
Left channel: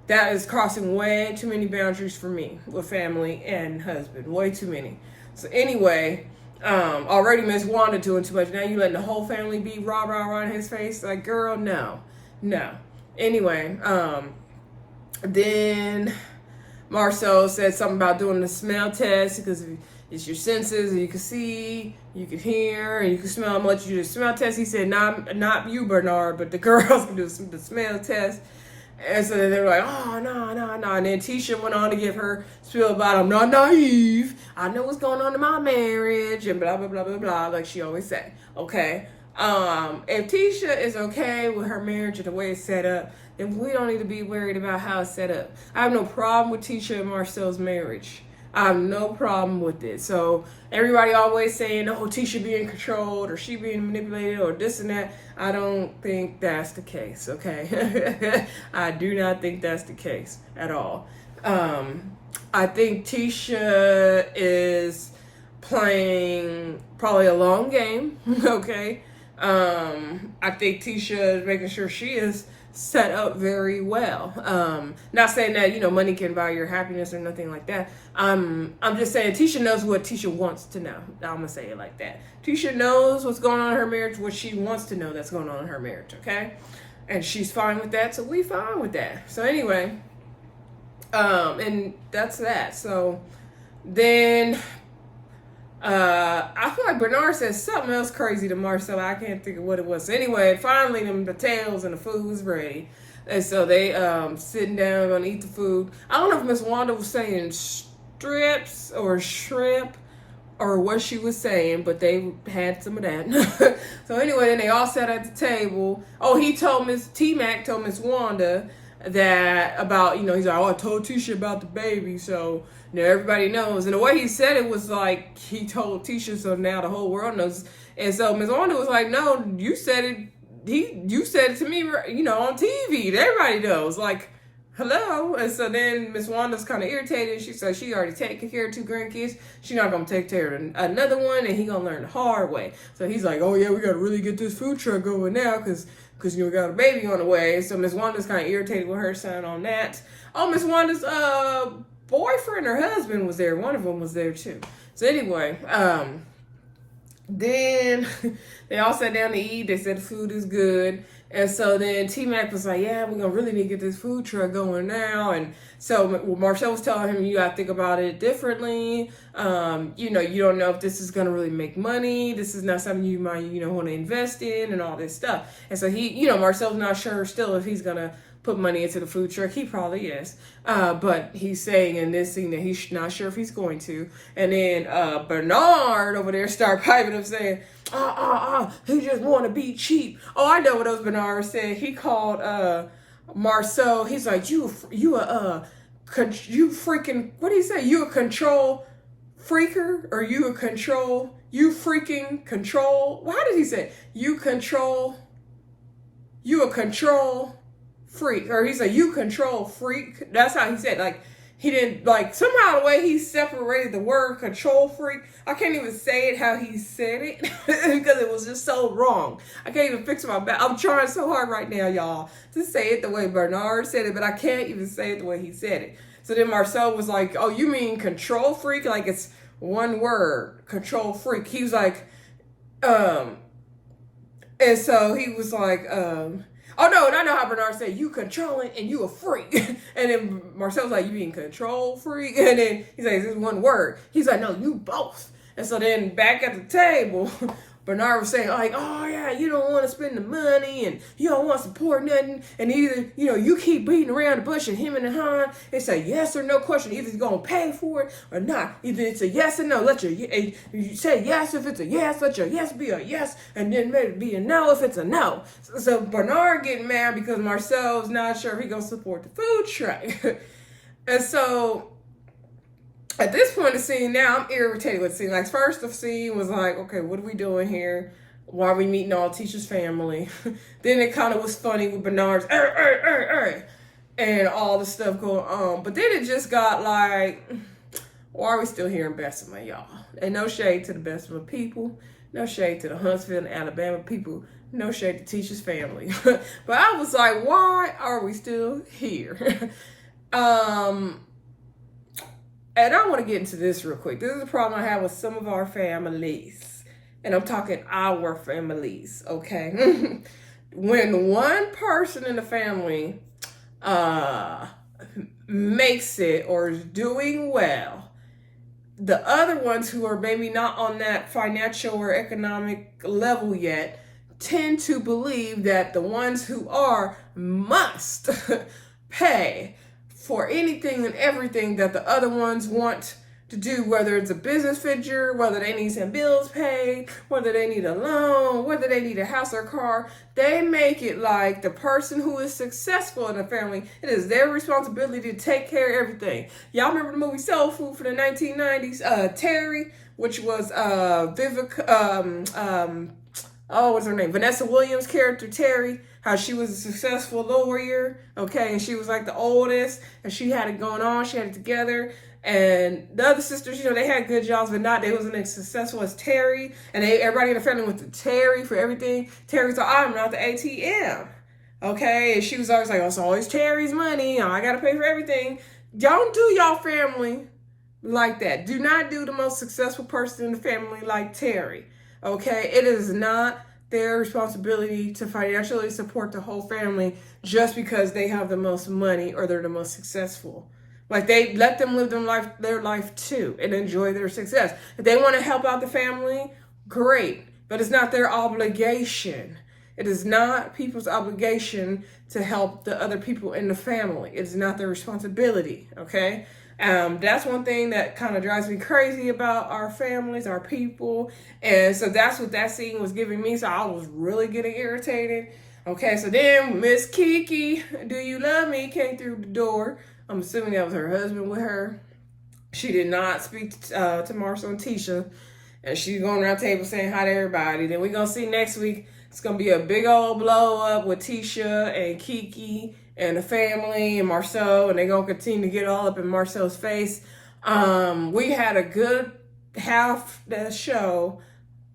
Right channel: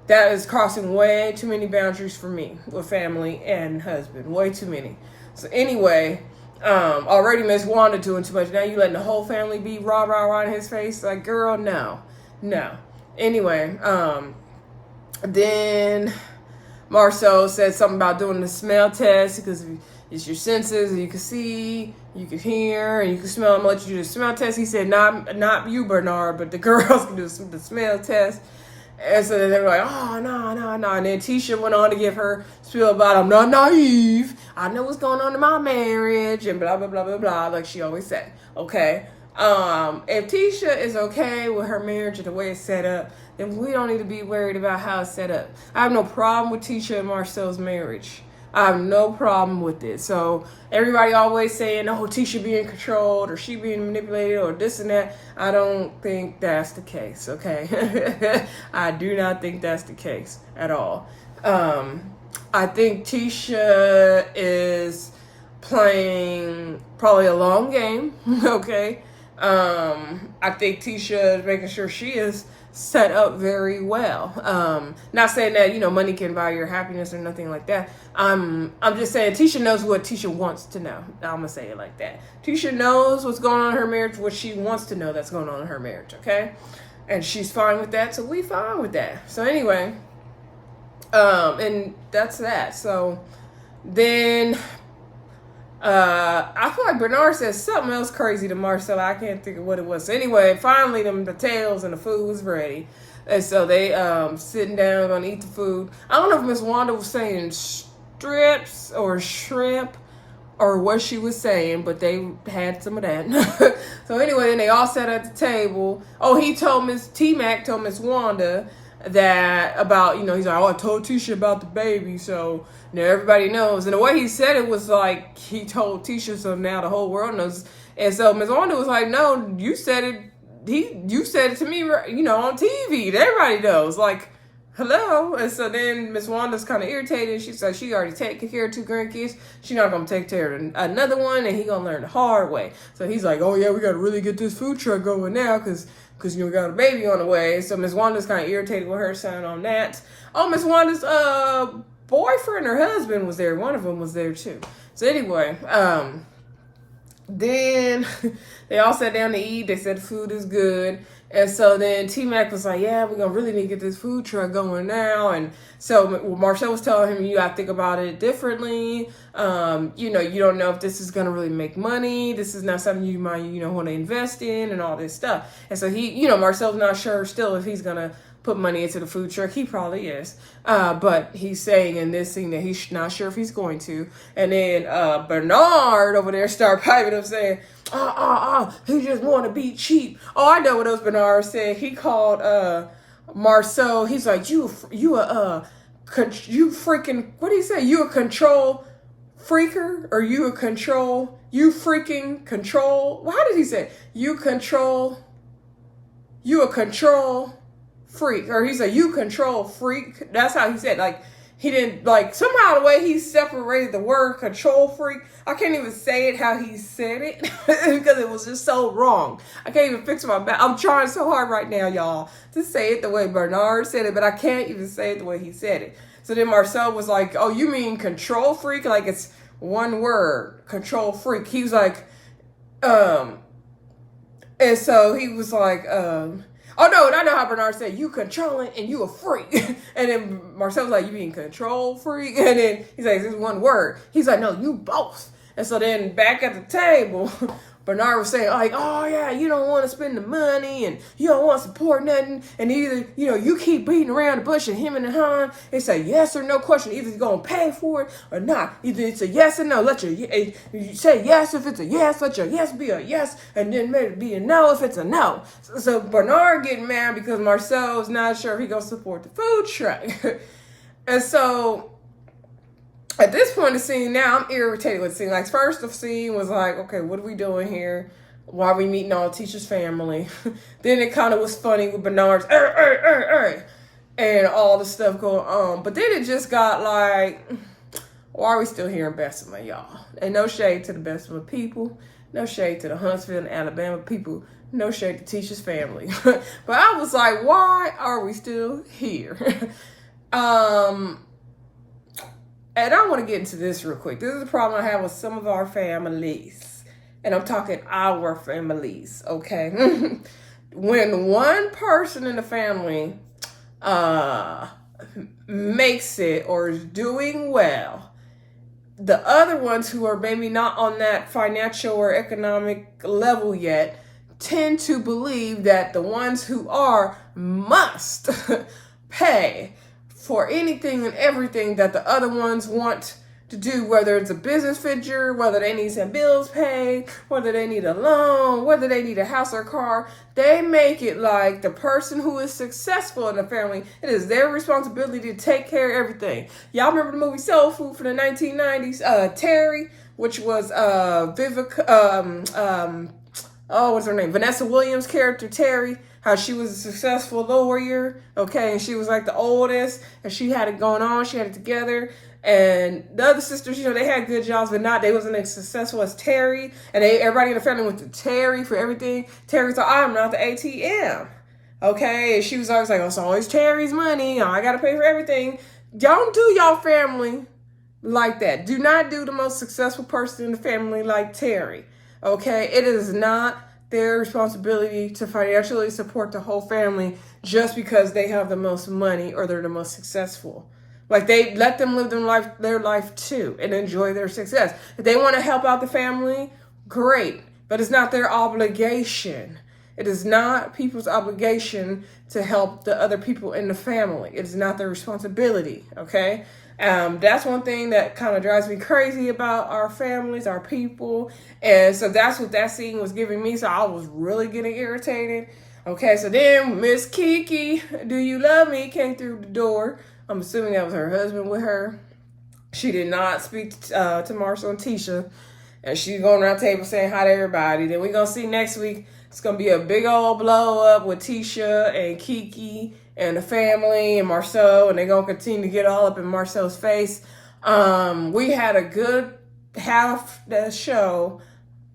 That is crossing way too many boundaries for me with family and husband. Way too many. So anyway, already Miss Wanda doing too much. Now you letting the whole family be rah in his face? Like, girl, no. Anyway, then Marcel said something about doing the smell test, because it's your senses, you can see, you can hear, and you can smell. I'm gonna let you do the smell test. He said, not you, Bernard, but the girls can do the smell test. And so then they were like, oh, no. And then Tisha went on to give her spiel about, I'm not naive. I know what's going on in my marriage, and blah, blah, blah, blah, blah, like she always said. Okay. If Tisha is okay with her marriage and the way it's set up, then we don't need to be worried about how it's set up. I have no problem with Tisha and Marcel's marriage. I have no problem with it. So everybody always saying, oh, Tisha being controlled, or she being manipulated, or this and that. I don't think that's the case, okay? I do not think that's the case at all. I think Tisha is playing probably a long game, okay? I think Tisha is making sure she is set up very well. Not saying that, money can buy your happiness or nothing like that. I'm just saying Tisha knows what Tisha wants to know. I'm gonna say it like that. Tisha knows what's going on in her marriage, what she wants to know that's going on in her marriage, okay? And she's fine with that, so we fine with that. So anyway, and that's that. So then I feel like Bernard said something else crazy to Marcel. I can't think of what it was. So anyway, finally, the tails and the food was ready. And so they sitting down, gonna eat the food. I don't know if Miss Wanda was saying strips or shrimp or what she was saying, but they had some of that. So anyway, then they all sat at the table. Oh, he told Tmac told Miss Wanda that about, he's like, oh, I told Tisha about the baby, so now everybody knows. And the way he said it was like he told Tisha, so now the whole world knows. And so Miss Wanda was like, no, you said it. You said it to me, on TV. Everybody knows. Like, hello. And so then Miss Wanda's kind of irritated. She said she already taken care of 2 grandkids. She's not going to take care of another one, and he going to learn the hard way. So he's like, oh, yeah, we got to really get this food truck going now because we got a baby on the way. So Miss Wanda's kind of irritated with her son on that. Oh, Miss Wanda's boyfriend or husband was there. One of them was there, too. So anyway, then they all sat down to eat. They said the food is good. And so then T-Mac was like, yeah, we're going to really need to get this food truck going now. And so Marcel was telling him, you got to think about it differently. You don't know if this is going to really make money. This is not something you might, want to invest in and all this stuff. And so he, Marcel's not sure still if he's going to put money into the food truck. He probably is. But he's saying in this scene that he's not sure if he's going to. And then Bernard over there started piping up saying, he just want to be cheap. Oh, I know what else Bernard said. He called Marcel. He's like, you freaking, what did he say? You a control freaker? Or you freaking control? Well, how did he say? You a control freak. Or he said, you control freak. That's how he said, like, he didn't, like, somehow the way he separated the word control freak, I can't even say it how he said it because it was just so wrong. I can't even fix my back. I'm trying so hard right now, y'all, to say it the way Bernard said it, but I can't even say it the way he said it. So then Marcel was like, oh, you mean control freak? Like it's one word, control freak. He was like, and so he was like, oh, no, and I know how Bernard said, you controlling and you a freak. And then Marcel's like, you being control freak? And then he's like, this is one word. He's like, no, you both. And so then back at the table, Bernard was saying, like, oh, yeah, you don't want to spend the money and you don't want to support nothing. And either, you keep beating around the bush and him and Han, it's a yes or no question. Either he's going to pay for it or not. Either it's a yes or no. You say yes if it's a yes, let your yes be a yes, and then maybe be a no if it's a no. So Bernard getting mad because Marcel's not sure if he's going to support the food truck. And so at this point in the scene now, I'm irritated with the scene. Like, first the scene was like, okay, what are we doing here? Why are we meeting all Tisha's family? Then it kind of was funny with Bernard's, and all the stuff going on. But then it just got like, why are we still here in Bessemer, y'all? And no shade to the Bessemer people. No shade to the Huntsville and Alabama people. No shade to Tisha's family. But I was like, why are we still here? And I want to get into this real quick. This is a problem I have with some of our families. And I'm talking our families, okay? When one person in the family makes it or is doing well, the other ones who are maybe not on that financial or economic level yet tend to believe that the ones who are must pay for anything and everything that the other ones want to do, whether it's a business venture, whether they need some bills paid, whether they need a loan, whether they need a house or car. They make it like the person who is successful in the family, it is their responsibility to take care of everything. Y'all remember the movie Soul Food from the 1990s? Terry, which was what's her name? Vanessa Williams' character, Terry. How she was a successful lawyer, okay, and she was like the oldest, and she had it going on, she had it together, and the other sisters, they had good jobs, but they wasn't as successful as Terry, and everybody in the family went to Terry for everything. Terry thought, I'm not the ATM, okay, and she was always like, oh, it's always Terry's money, I gotta pay for everything. Don't do y'all family like that. Do not do the most successful person in the family like Terry, okay? It is not their responsibility to financially support the whole family just because they have the most money or they're the most successful Like, they let them live their life too and enjoy their success. If they want to help out the family, great. But it's not their obligation. It is not people's obligation to help the other people in the family. It is not their responsibility, okay? That's one thing that kind of drives me crazy about our families, our people. And so that's what that scene was giving me. So I was really getting irritated. Okay, so then Miss Kiki, Do You Love Me, came through the door. I'm assuming that was her husband with her. She did not speak to Marcel and Tisha. And she's going around the table saying hi to everybody. Then we're going to see next week, it's going to be a big old blow up with Tisha and Kiki and the family and Marcel. And they're going to continue to get all up in Marcel's face. We had a good half the show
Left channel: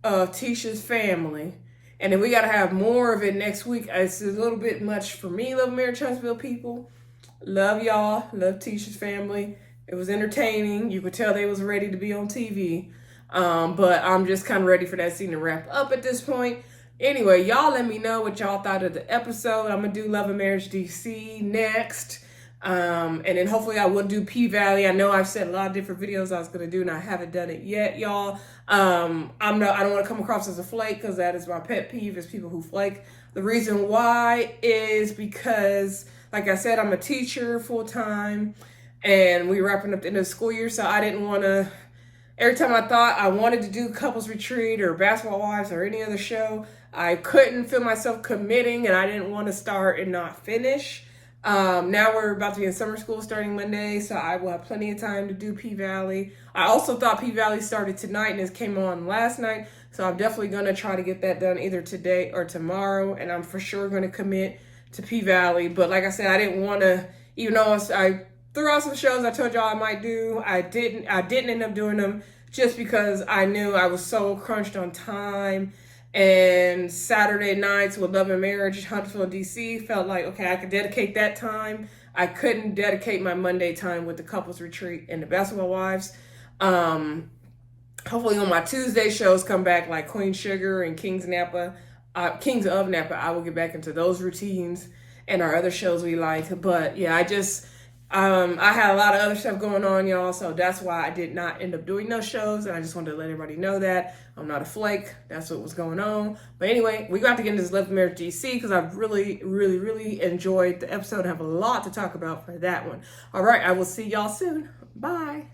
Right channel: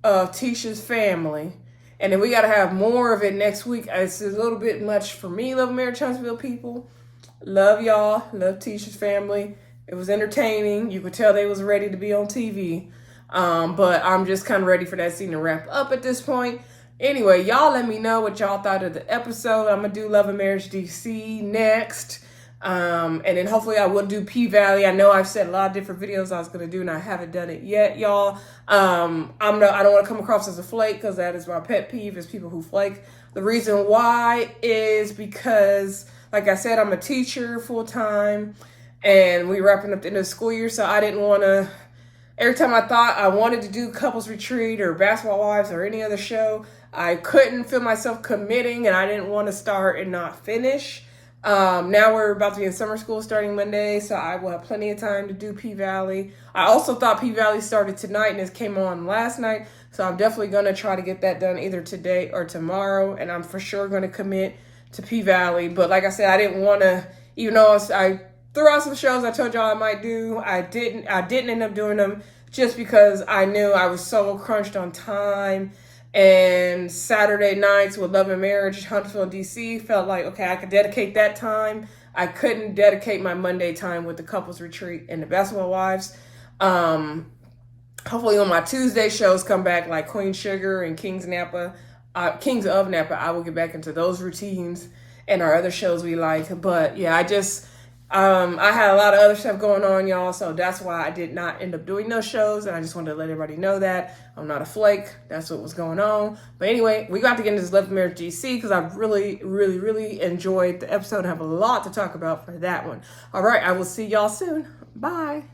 of Tisha's family. And then we got to have more of it next week. It's a little bit much for me, love Marriage Huntsville people. Love y'all. Love Tisha's family. It was entertaining. You could tell they was ready to be on TV. But I'm just kind of ready for that scene to wrap up at this point. Anyway, y'all let me know what y'all thought of the episode. I'm going to do Love and Marriage DC next. And then hopefully I will do P-Valley. I know I've said a lot of different videos I was going to do and I haven't done it yet, y'all. I don't want to come across as a flake because that is my pet peeve, is people who flake. The reason why is because, like I said, I'm a teacher full time and we're wrapping up the end of the school year. So I didn't want to, every time I thought I wanted to do Couples Retreat or Basketball Wives or any other show, I couldn't feel myself committing and I didn't want to start and not finish. Now we're about to be in summer school starting Monday, so I will have plenty of time to do P-Valley. I also thought P-Valley started tonight and it came on last night, so I'm definitely going to try to get that done either today or tomorrow, and I'm for sure going to commit to P-Valley. But like I said, I didn't want to, even though I threw out some shows I told y'all I might do, I didn't end up doing them just because I knew I was so crunched on time. And Saturday nights with Love and Marriage, Huntsville, DC, felt like, okay, I could dedicate that time. I couldn't dedicate my Monday time with the Couples Retreat and the Basketball Wives. Hopefully when my Tuesday shows come back, like Queen Sugar and Kings of Napa, I will get back into those routines and our other shows we like. But yeah, I had a lot of other stuff going on, y'all, so that's why I did not end up doing those shows, and I just wanted to let everybody know that. I'm not a flake. That's what was going on. But anyway, we got to get into this Love and Marriage DC because I've really, really, really enjoyed the episode and have a lot to talk about for that one. All right, I will see y'all soon. Bye.